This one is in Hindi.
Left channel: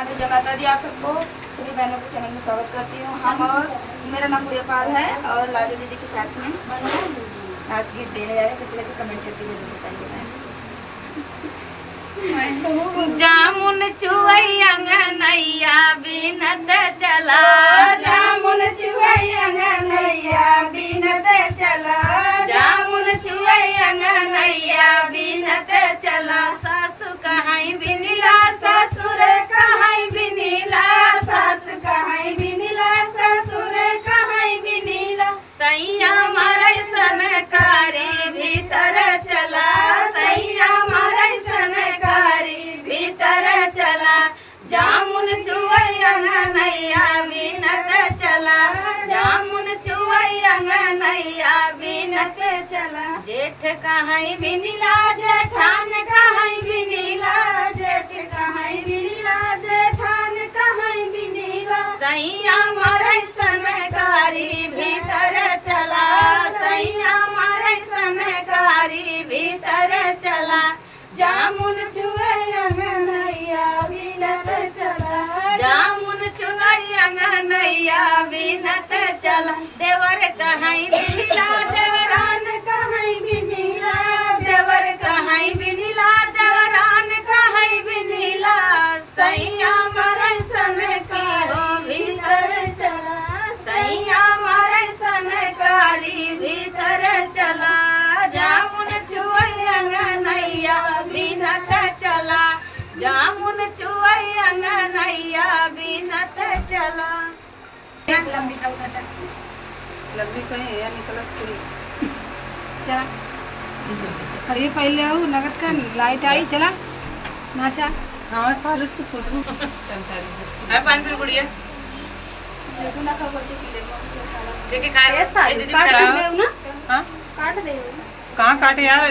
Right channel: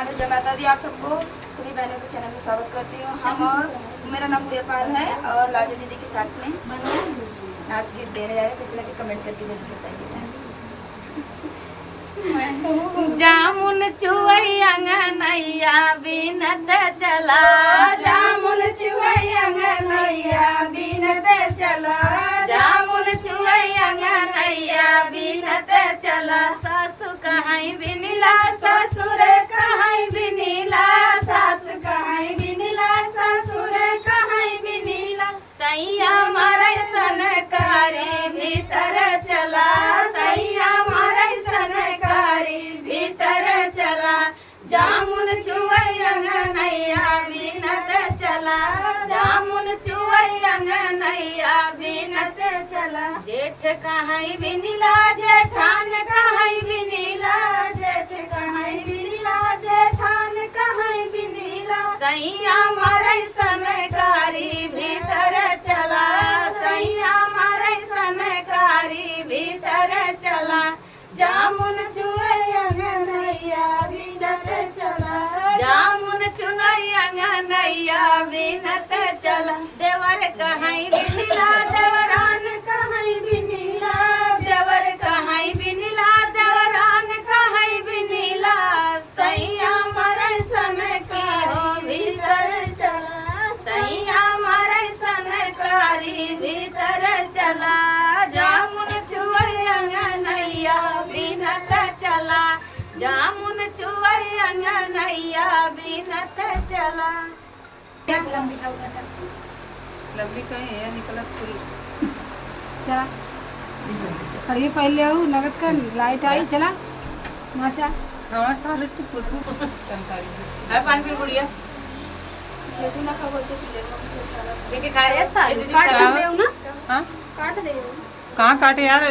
जमाता दी आप सबको सभी बहनों के चैनल में स्वागत करती हूँ। हम और मेरा नाम गुड़िया पाल है और लाजो दीदी के साथ में नाच गीत देने जा रहे हैं। कैसे लगे कमेंट करके जरूर बताइएगा। जामुन चुवैया नैया बिनत चला, जामुन चुवैया नैया बिनत चला, जामुन चुवैया नैया बिनत चला। सासु कहाई बिनिला ससुर कहाई बिनिला, सासु कहाई बिनिला ससुर कहाई बिनिला, सैया मरै सनकारी भीतर चला, सैया मरै सनकारी भीतर चला। जामुन चुवैया नैया बिनत चला, जामुन चुवैया नैया बिनत चला। जेठ कहाई बिनिला जेठान कहाई बिनिला, जेठ कहाई बिनिला जेठान कहाई बिनिला, सैया मरै सनकारी भीतर चला, सैया मरै सनकारी भीतर चला। जामुन चुवैया नैया बिनत चला, जामुन चुनैया नैया बिनत चला। देवर कहाई बिनिला देवरान कहाई बिनिला, देवर कहाई बिनिला देवरान कहाई बिनिला, सैया मरै सनकी हो भीतर चला, सैया मरै सनकारी भीतर चला। जामुन चुवैया नैया बिनत चला, जामुन चुवैया नैया बिनत चला। लंबी कहीं है निकलत पूरी चला। और ये पहले वो नगद का लाइट आई चला नाचा। हाँ सालिस तो खुशबू है पान पे गुड़िया देखो ना खरगोश पीले देखे काय काट दे ना, हाँ काट दे। कहाँ काटे यार।